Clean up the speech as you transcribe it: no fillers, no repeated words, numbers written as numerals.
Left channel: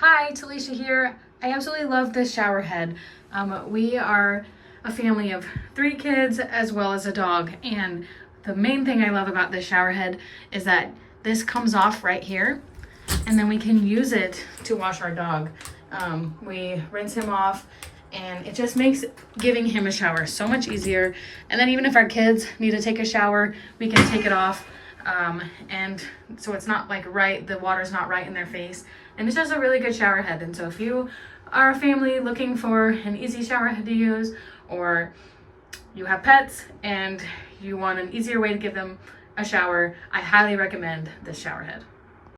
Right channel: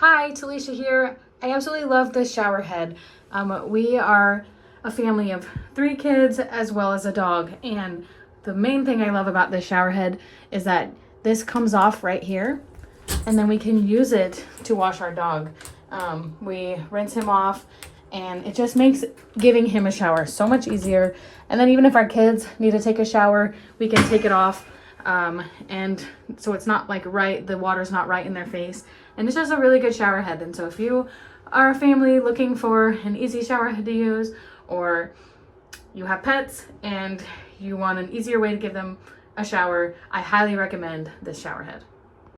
Hi, Talisha here. I absolutely love this shower head. We are a family of 3 kids as well as a dog, and the main thing I love about this shower head is that this comes off right here, and then we can use it to wash our dog. We rinse him off, and it just makes giving him a shower so much easier. And then even if our kids need to take a shower, we can take it off, and so it's not like the water's not right in their face. And it's just a really good shower head. And so if you are a family looking for an easy shower head to use, or you have pets and you want an easier way to give them a shower, I highly recommend this shower head.